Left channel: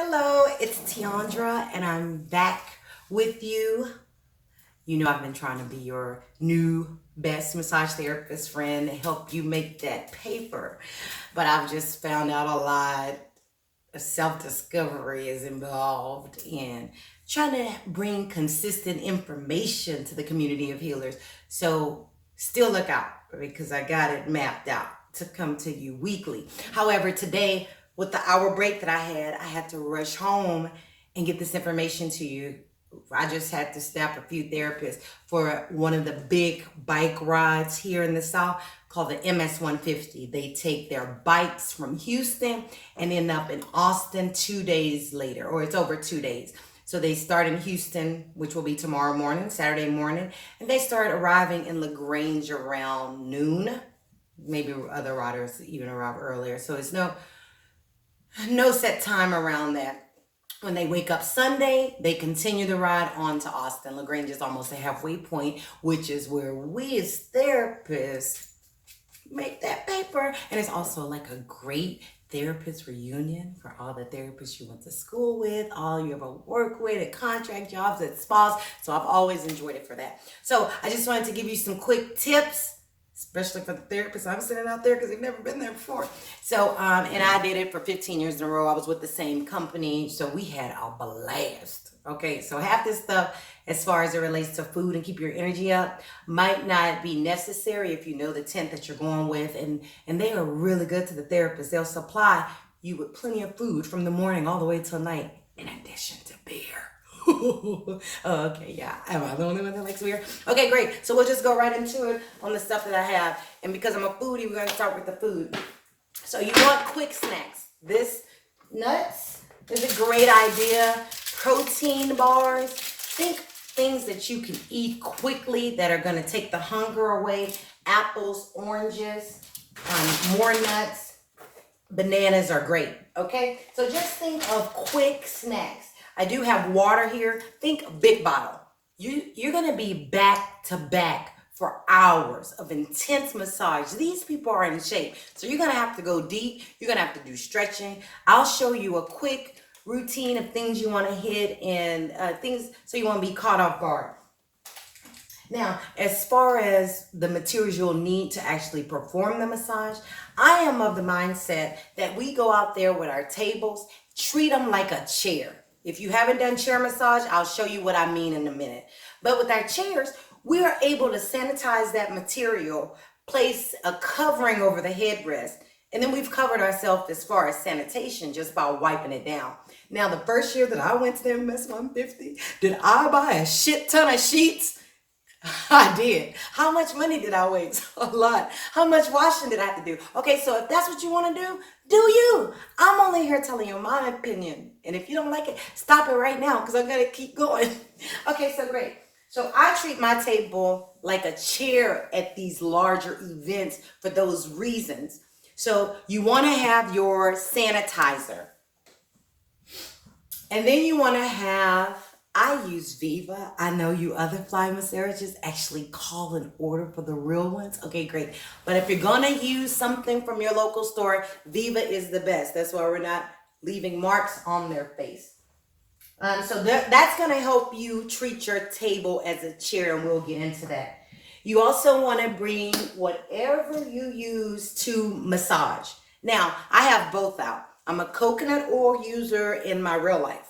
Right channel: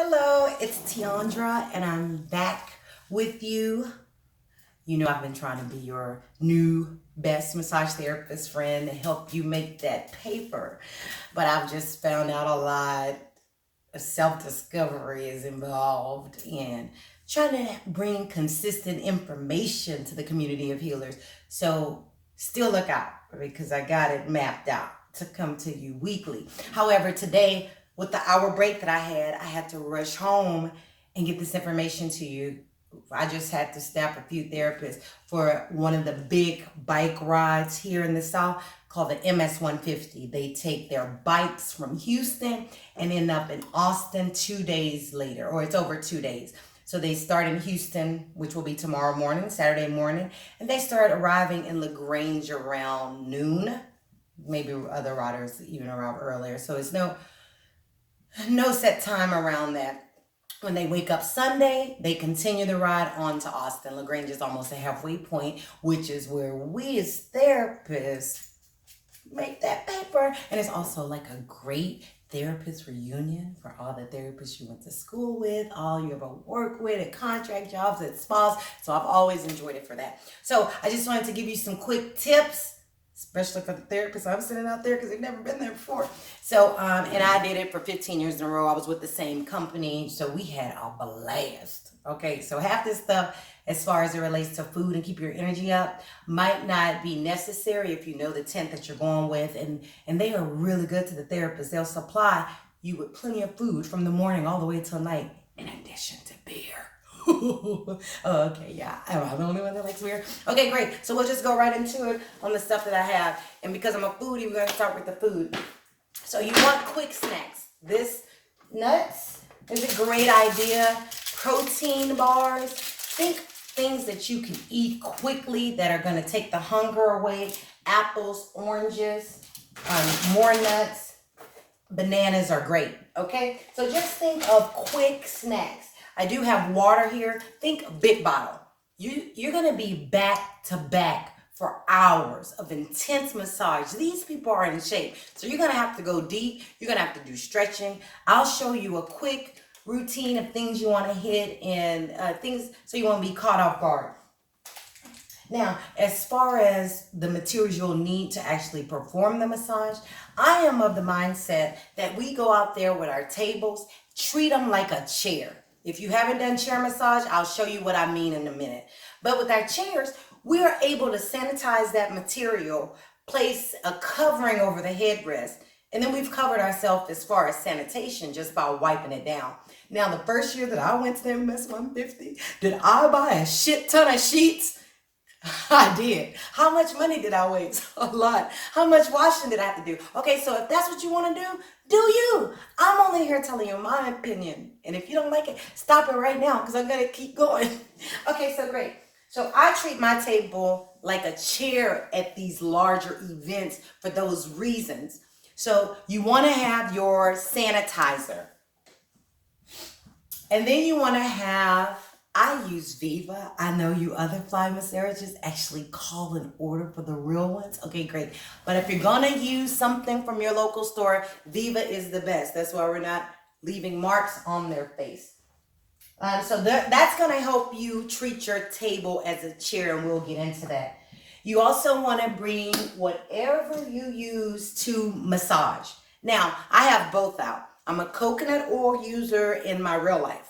Hello, it's Tiandra, and I'm back with you. You know, I've been trying to be your new best massage therapist friend and help you make that paper. But I've just found out a lot of self discovery is involved in trying to bring consistent information to the community of healers. So still look out because I got it mapped out to come to you weekly. However, today, with the hour break that I had to rush home and get this information to you. I just had to snap a few therapists for one of the big bike rides here in the South called the MS 150. They take their bikes from Houston and end up in Austin 2 days later, or it's over 2 days. So they start in Houston, which will be tomorrow morning, Saturday morning, and they start arriving in LaGrange around noon. Maybe other riders even arrive earlier. So it's no set time around that. When they wake up Sunday, they continue the ride on to Austin. LaGrange is almost a halfway point, which is where we as therapists make that paper. And it's also like a great therapist reunion for all the therapists you went to school with, all you ever work with at contract jobs, at spas. So I've always enjoyed it for that. So I just wanted to give you some quick tips, especially for the therapists I'm sending out there because they've never been there before. So, and I did it for 15 years in a row. I was with the same company, so we had a blast. Okay, so half this stuff, as far as it relates to food and keep your energy up, might not be necessary if you know the tent that you're going with, and they are really good to the therapist. They'll supply you with plenty of food from the morning all the way till night, in addition to beer. Okay, yeah. Am I the only one that likes beer? Okay, great. So we'll just go right into it on the stuff that I have. And because I'm a foodie, we're going to start with the food. So you want quick snacks. This nuts is a great idea. Protein bars. Think things that you can eat quickly that are going to take the hunger away. Apples, oranges, more nuts. Bananas are great. Okay, so just think of quick snacks. I do have water here. Think big bottle. You're gonna be back to back for hours of intense massage. These people are in shape. So you're gonna have to go deep. You're gonna have to do stretching. I'll show you a quick routine of things you wanna hit and things so you won't be caught off guard. Now, as far as the materials you'll need to actually perform the massage, I am of the mindset that we go out there with our tables, treat them like a chair. If you haven't done chair massage, I'll show you what I mean in a minute. But with our chairs, we are able to sanitize that material, place a covering over the headrest, and then we've covered ourselves as far as sanitation just by wiping it down. Now, the first year that I went to the MS 150, did I buy a shit ton of sheets? I did. How much money did I waste? A lot. How much washing did I have to do? Okay, so if that's what you want to do you. I'm only here telling you my opinion. And if you don't like it, stop it right now because I'm going to keep going. Okay, so great. So I treat my table like a chair at these larger events for those reasons. So you want to have your sanitizer. And then you want to have, I use Viva. I know you other fly massagers actually call an order for the real ones. Okay, great. But if you're going to use something from your local store, Viva is the best. That's why we're not leaving marks on their face. So that's going to help you treat your table as a chair, and we'll get into that. You also want to bring whatever you use to massage. Now, I have both out. I'm a coconut oil user in my real life.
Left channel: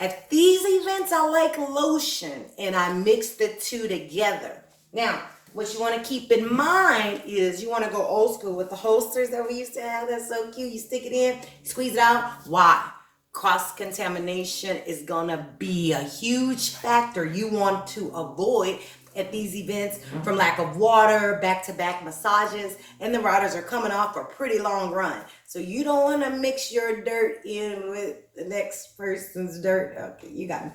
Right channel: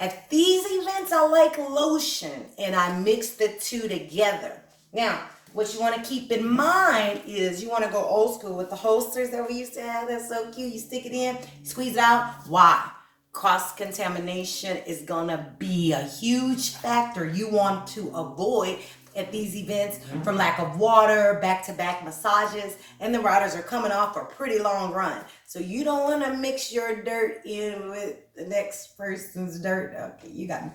At these events, I like lotion, and I mix the two together. Now, what you want to keep in mind is you want to go old school with the holsters that we used to have. That's so cute. You stick it in, squeeze it out. Why? Cross-contamination is going to be a huge factor you want to avoid at these events from lack of water, back-to-back massages, and the riders are coming off a pretty long run. So you don't want to mix your dirt in with the next person's dirt. Okay, you got me.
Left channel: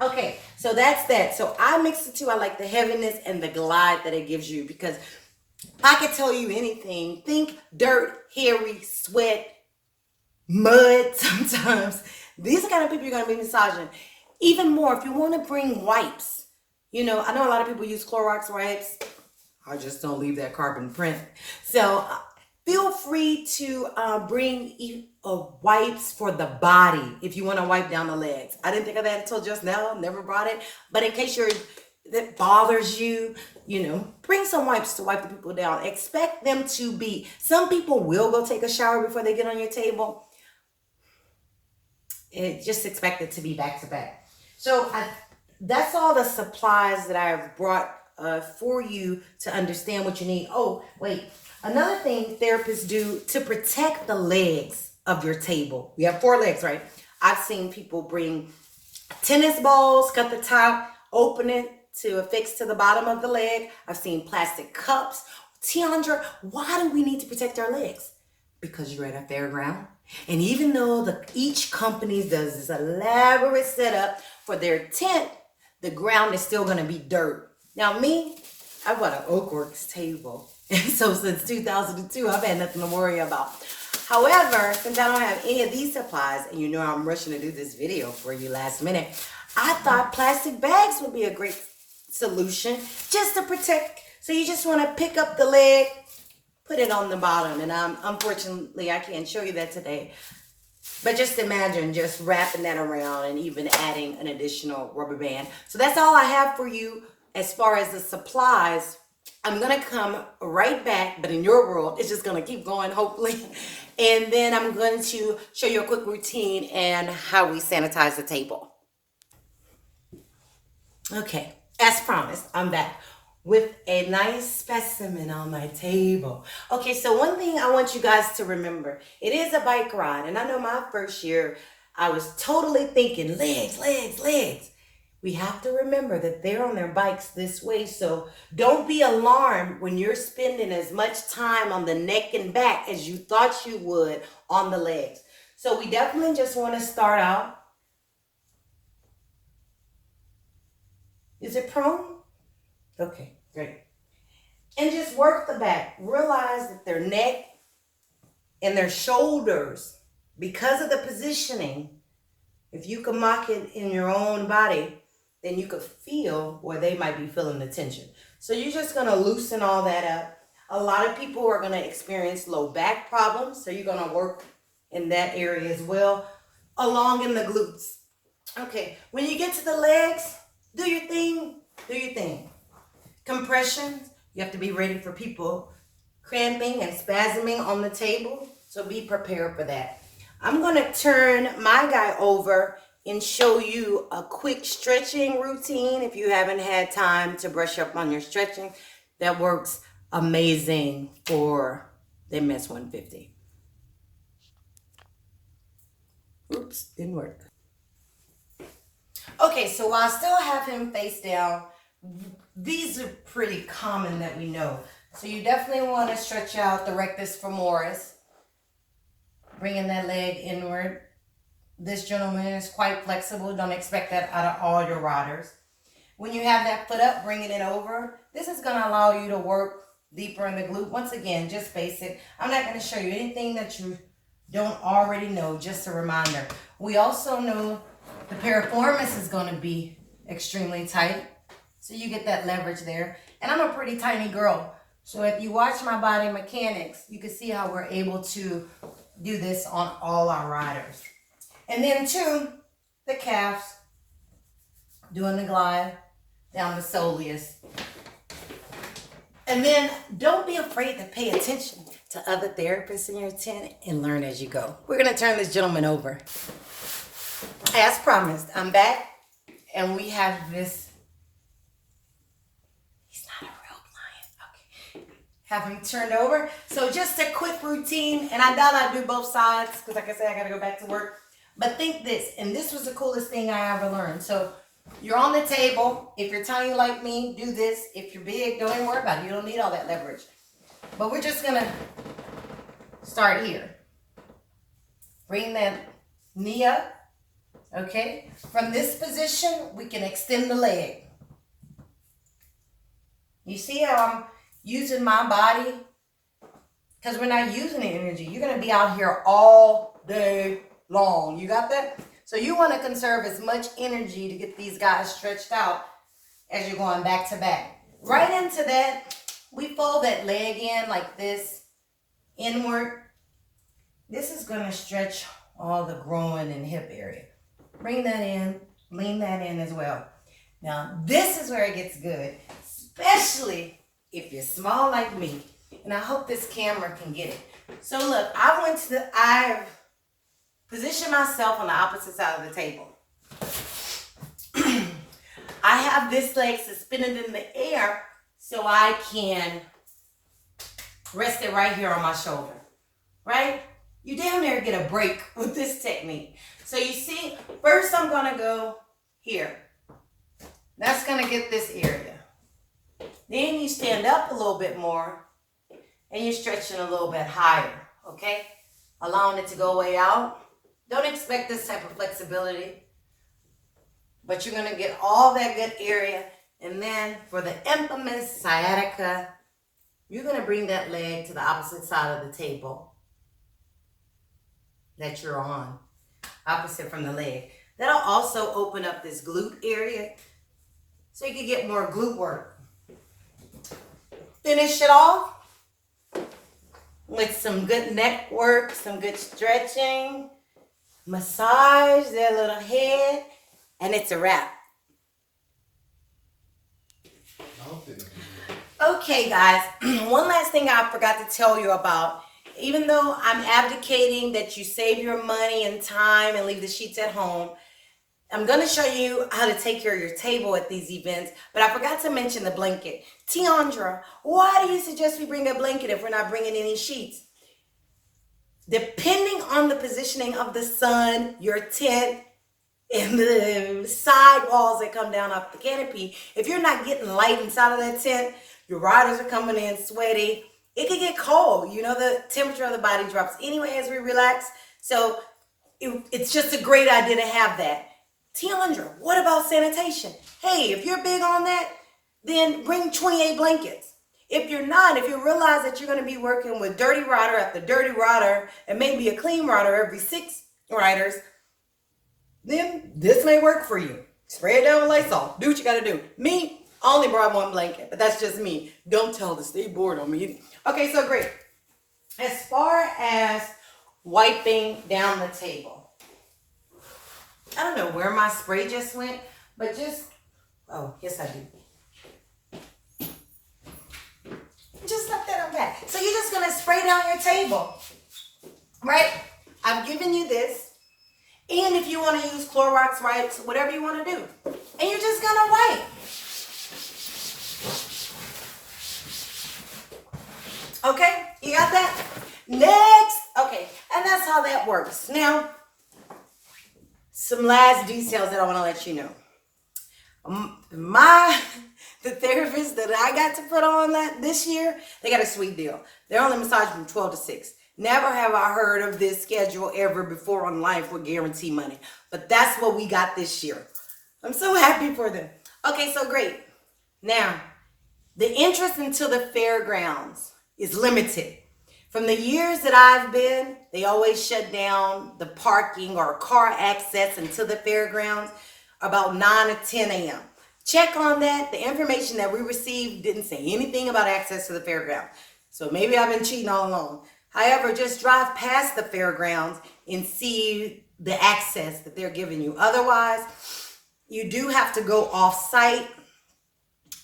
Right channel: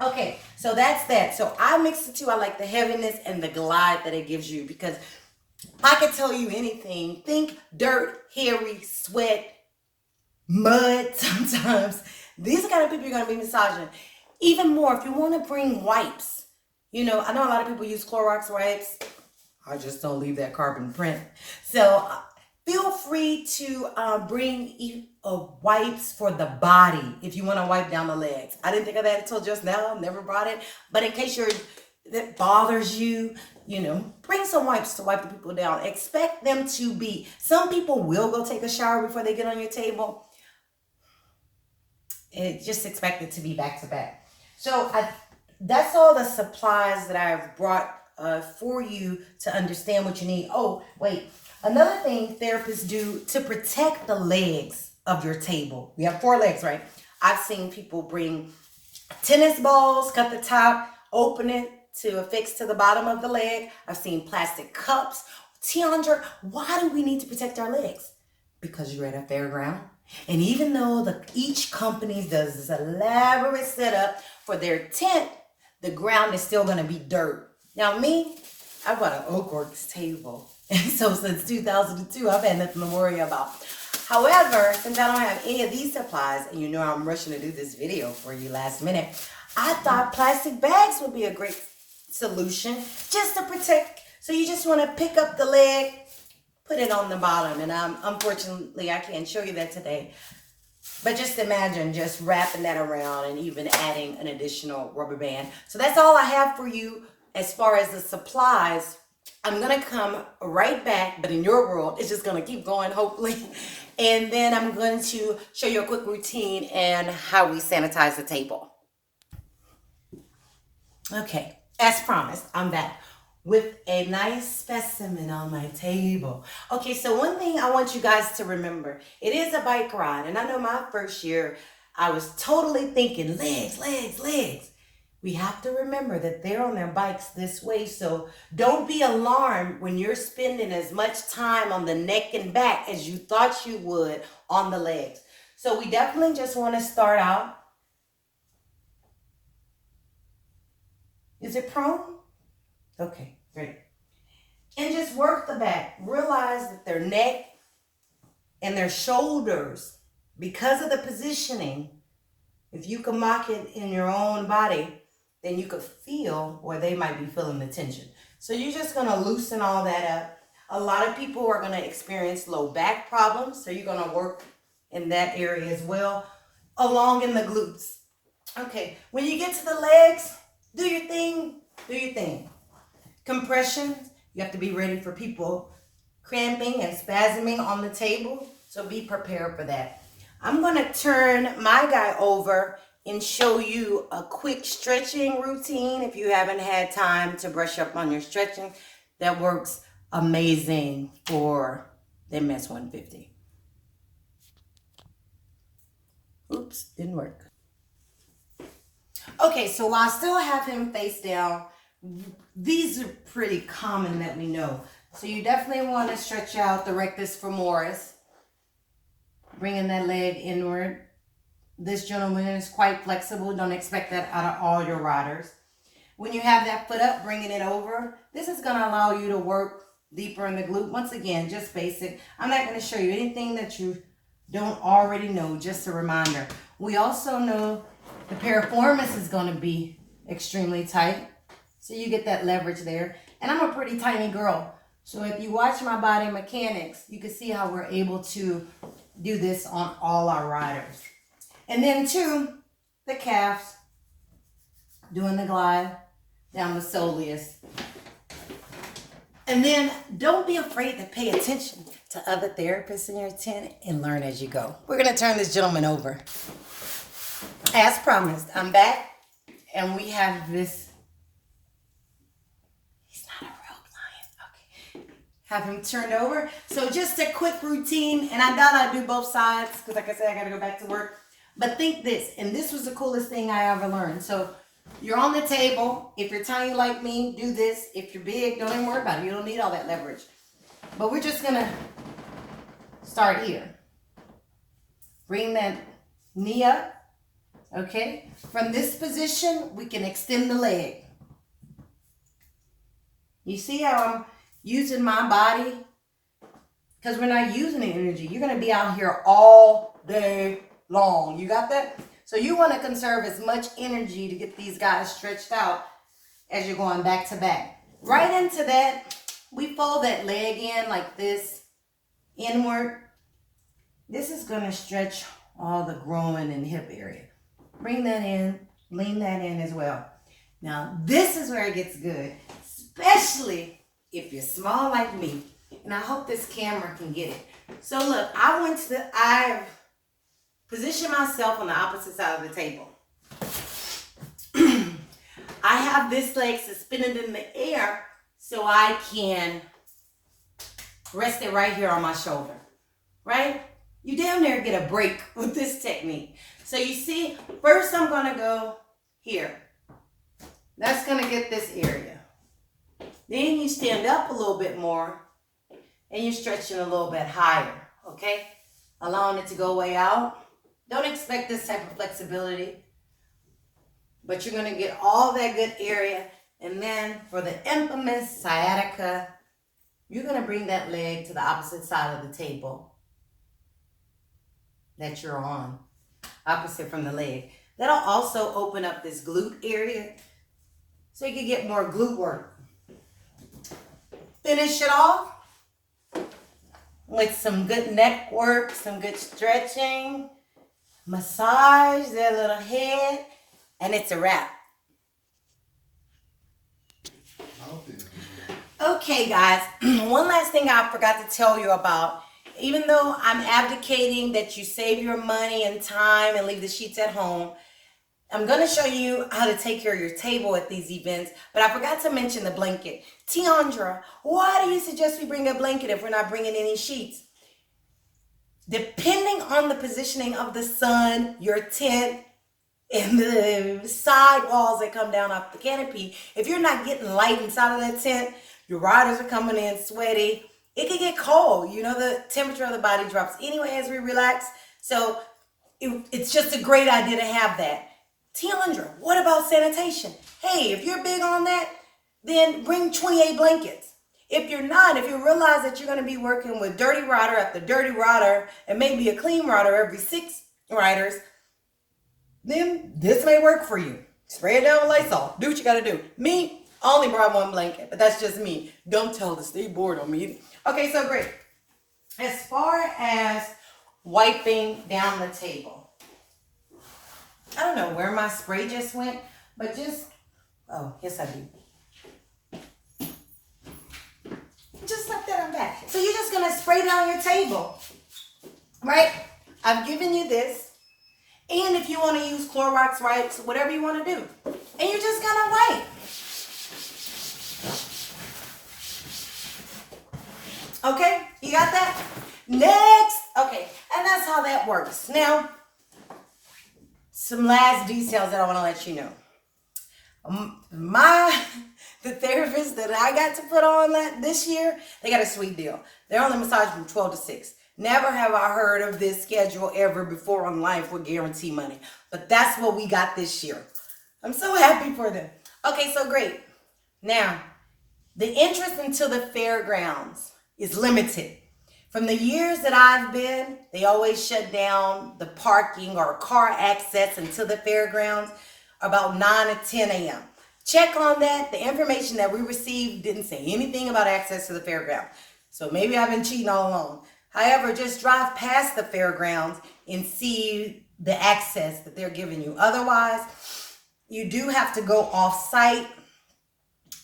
Okay, so that's that. So I mix the two. I like the heaviness and the glide that it gives you because I could tell you anything. Think dirt, hairy, sweat, mud sometimes. These are the kind of people you're going to be massaging. Even more, if you want to bring wipes. You know, I know a lot of people use Clorox wipes. I just don't leave that carbon print. So Feel free to bring wipes for the body if you want to wipe down the legs. I didn't think of that until just now. Never brought it. But in case that bothers you, bring some wipes to wipe the people down. Expect them to be, some people will go take a shower before they get on your table. And just expect it to be back to back. So that's all the supplies that I've brought for you to understand what you need. Oh, wait. Another thing therapists do to protect the legs of your table. We have 4 legs, right? I've seen people bring tennis balls, cut the top, open it to affix to the bottom of the leg. I've seen plastic cups. Tiandra, why do we need to protect our legs? Because you're at a fairground. And even though each company does this elaborate setup for their tent, the ground is still going to be dirt. Now me, I bought an Oakworks table. And so since 2002, I've had nothing to worry about. However, since I don't have any of these supplies, and I'm rushing to do this video for you last minute, I thought plastic bags would be a great solution just to protect. So you just want to pick up the leg, put it on the bottom. And unfortunately, I can't show you that today. But just imagine just wrapping that around and even adding an additional rubber band. So that's all I have for you as far as the supplies. I'm going to come right back, but in your world, it's just going to keep going, hopefully. And then I'm going to show you a quick routine and how we sanitize the table. Okay, as promised, I'm back with a nice specimen on my table. Okay, so one thing I want you guys to remember, it is a bike ride. And I know my first year, I was totally thinking legs, legs, legs. We have to remember that they're on their bikes this way. So don't be alarmed when you're spending as much time on the neck and back as you thought you would on the legs. So we definitely just want to start out. Is it prone? Okay, great. And just work the back. Realize that their neck and their shoulders, because of the positioning, if you can mock it in your own body, then you could feel where they might be feeling the tension. So you're just going to loosen all that up. A lot of people are going to experience low back problems, so you're going to work in that area as well, along in the glutes. Okay, when you get to the legs, do your thing, do your thing. Compressions, you have to be ready for people cramping and spasming on the table, so be prepared for that. I'm going to turn my guy over and show you a quick stretching routine if you haven't had time to brush up on your stretching. That works amazing for the MS 150. Oops, didn't work. Okay, so while I still have him face down, these are pretty common that we know. So you definitely want to stretch out the rectus femoris, bringing that leg inward. This gentleman is quite flexible. Don't expect that out of all your riders. When you have that foot up, bringing it over, this is going to allow you to work deeper in the glute. Once again, just basic. I'm not going to show you anything that you don't already know, just a reminder. We also know the piriformis is going to be extremely tight, so you get that leverage there. And I'm a pretty tiny girl, so if you watch my body mechanics, you can see how we're able to do this on all our riders. And then 2, the calves, doing the glide down the soleus. And then don't be afraid to pay attention to other therapists in your tent and learn as you go. We're going to turn this gentleman over. As promised, I'm back and we have this. He's not a real client. Okay. Have him turned over. So just a quick routine, and I thought I'd do both sides because like I said, I got to go back to work. But think this, and this was the coolest thing I ever learned. So you're on the table. If you're tiny like me, do this. If you're big, don't even worry about it. You don't need all that leverage. But we're just going to start here. Bring that knee up. Okay? From this position, we can extend the leg. You see how I'm using my body? Because we're not using the energy. You're going to be out here all day long. You got that? So you want to conserve as much energy to get these guys stretched out as you're going back to back. Right into that, we fold that leg in like this inward. This is going to stretch all the groin and hip area. Bring that in, lean that in as well. Now, this is where it gets good, especially if you're small like me. And I hope this camera can get it. So look, I positioned myself on the opposite side of the table. I have this leg suspended in the air so I can rest it right here on my shoulder, right? You damn near get a break with this technique. So you see, first I'm gonna go here. That's gonna get this area. Then you stand up a little bit more and you're stretching a little bit higher, okay? Allowing it to go way out. Don't expect this type of flexibility, but you're gonna get all that good area. And then for the infamous sciatica, you're gonna bring that leg to the opposite side of the table that you're on, opposite from the leg. That'll also open up this glute area so you can get more glute work. Finish it off with some good neck work, some good stretching, massage their little head, and it's a wrap. Okay, guys, one last thing I forgot to tell you about. Even though I'm advocating that you save your money and time and leave the sheets at home, I'm going to show you how to take care of your table at these events, but I forgot to mention the blanket. Tiandra, why do you suggest we bring a blanket if we're not bringing any sheets? Depending on the positioning of the sun, your tent, and the side walls that come down off the canopy, if you're not getting light inside of that tent, your riders are coming in sweaty, it can get cold. You know, the temperature of the body drops anyway as we relax. So it's just a great idea to have that. Tiandra, what about sanitation? Hey, if you're big on that, then bring 28 blankets. If you're not, if you realize that you're going to be working with dirty rider after dirty rider and maybe a clean rider every 6 riders, then this may work for you. Spray it down with Lysol. Do what you got to do. Me, I only brought 1 blanket, but that's just me. Don't tell to stay bored on me. Okay, so great. As far as wiping down the table, I don't know where my spray just went, but oh, yes I do. Just left that on back. So you're just gonna spray down your table, right? I've given you this, and if you want to use Clorox wipes, whatever you want to do, and you're just gonna wipe. Okay, you got that? Next, okay, and that's how that works. Now, some last details that I want to let you know. The therapist that I got to put on this year, they got a sweet deal. They're on the massage from 12 to 6. Never have I heard of this schedule ever before on Life with Guarantee Money, but that's what we got this year. I'm so happy for them. Okay, so great. Now, the entrance into the fairgrounds is limited. From the years that I've been, they always shut down the parking or car access into the fairgrounds about 9 to 10 a.m. Check on that. The information that we received didn't say anything about access to the fairground. So maybe I've been cheating all along. However, just drive past the fairgrounds and see the access that they're giving you. Otherwise, you do have to go off site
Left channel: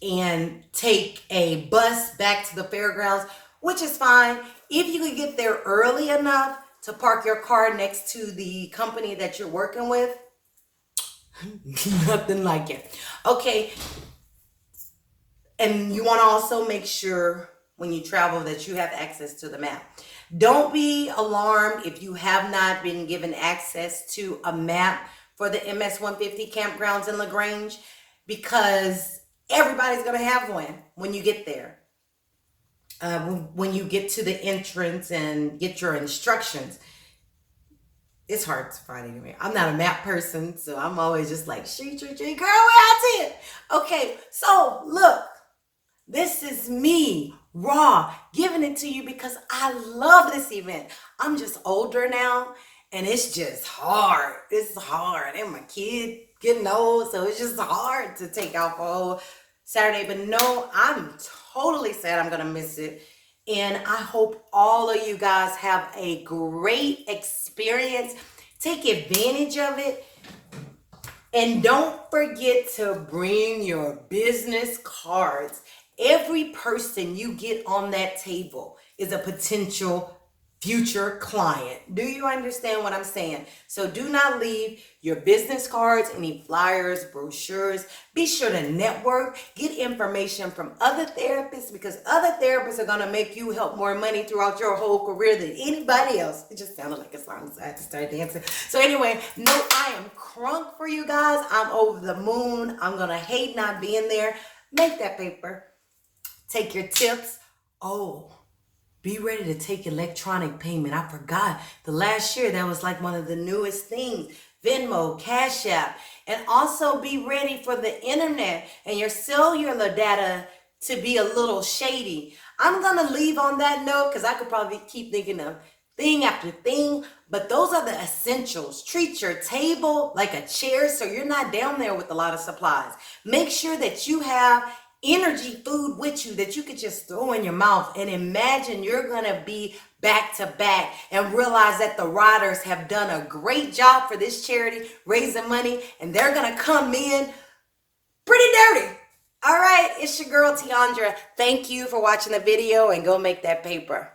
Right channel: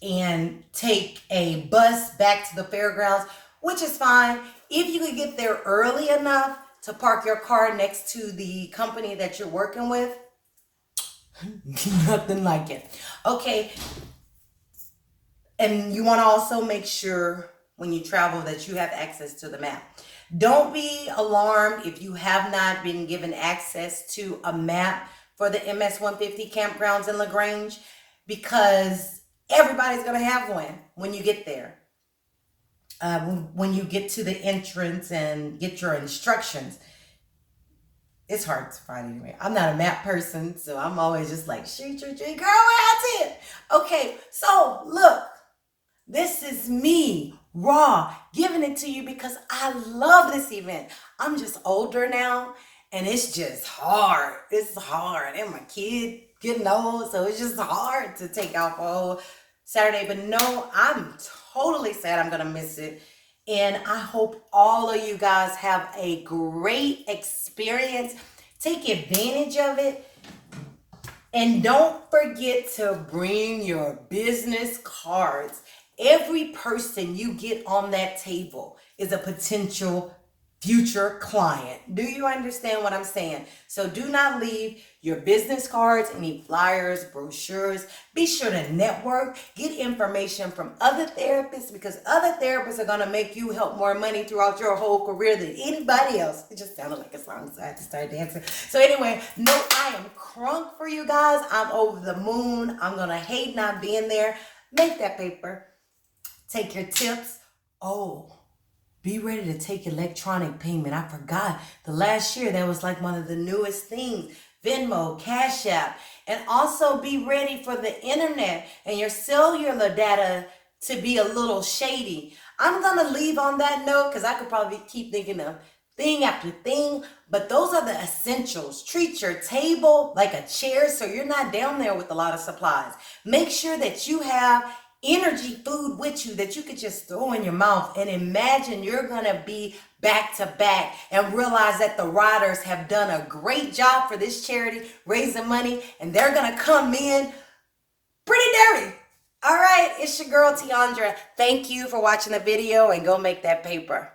and take a bus back to the fairgrounds, which is fine. If you could get there early enough to park your car next to the company that you're working with, nothing like it. Okay. And you want to also make sure when you travel that you have access to the map. Don't be alarmed if you have not been given access to a map for the MS-150 campgrounds in LaGrange, because everybody's going to have one when you get there. When you get to the entrance and get your instructions, it's hard to find anyway. I'm not a map person, so I'm always just like, shoot, girl, where I it? Okay, so look, this is me, raw, giving it to you because I love this event. I'm just older now, and it's just hard. It's hard, and my kid getting old, so it's just hard to take out for a whole Saturday. But no, I'm totally sad I'm gonna miss it. And I hope all of you guys have a great experience. Take advantage of it. And don't forget to bring your business cards. Every person you get on that table is a potential future client. Do you understand what I'm saying? So do not leave your business cards, any flyers, brochures. Be sure to network, get information from other therapists, because other therapists are going to make you help more money throughout your whole career than anybody else. It just sounded like a song, so I had to start dancing. So anyway, no, I am crunk for you guys. I'm over the moon. I'm going to hate not being there. Make that paper. Take your tips. Oh, be ready to take electronic payment. I forgot. The last year, that was like one of the newest things. Venmo, Cash App. And also be ready for the internet and your cellular data to be a little shady. I'm going to leave on that note because I could probably keep thinking of thing after thing. But those are the essentials. Treat your table like a chair so you're not down there with a lot of supplies. Make sure that you have energy food with you that you could just throw in your mouth, and imagine you're gonna be back to back and realize that the riders have done a great job for this charity raising money, and they're gonna come in pretty dirty. All right, it's your girl Tiandra. Thank you for watching the video, and go make that paper.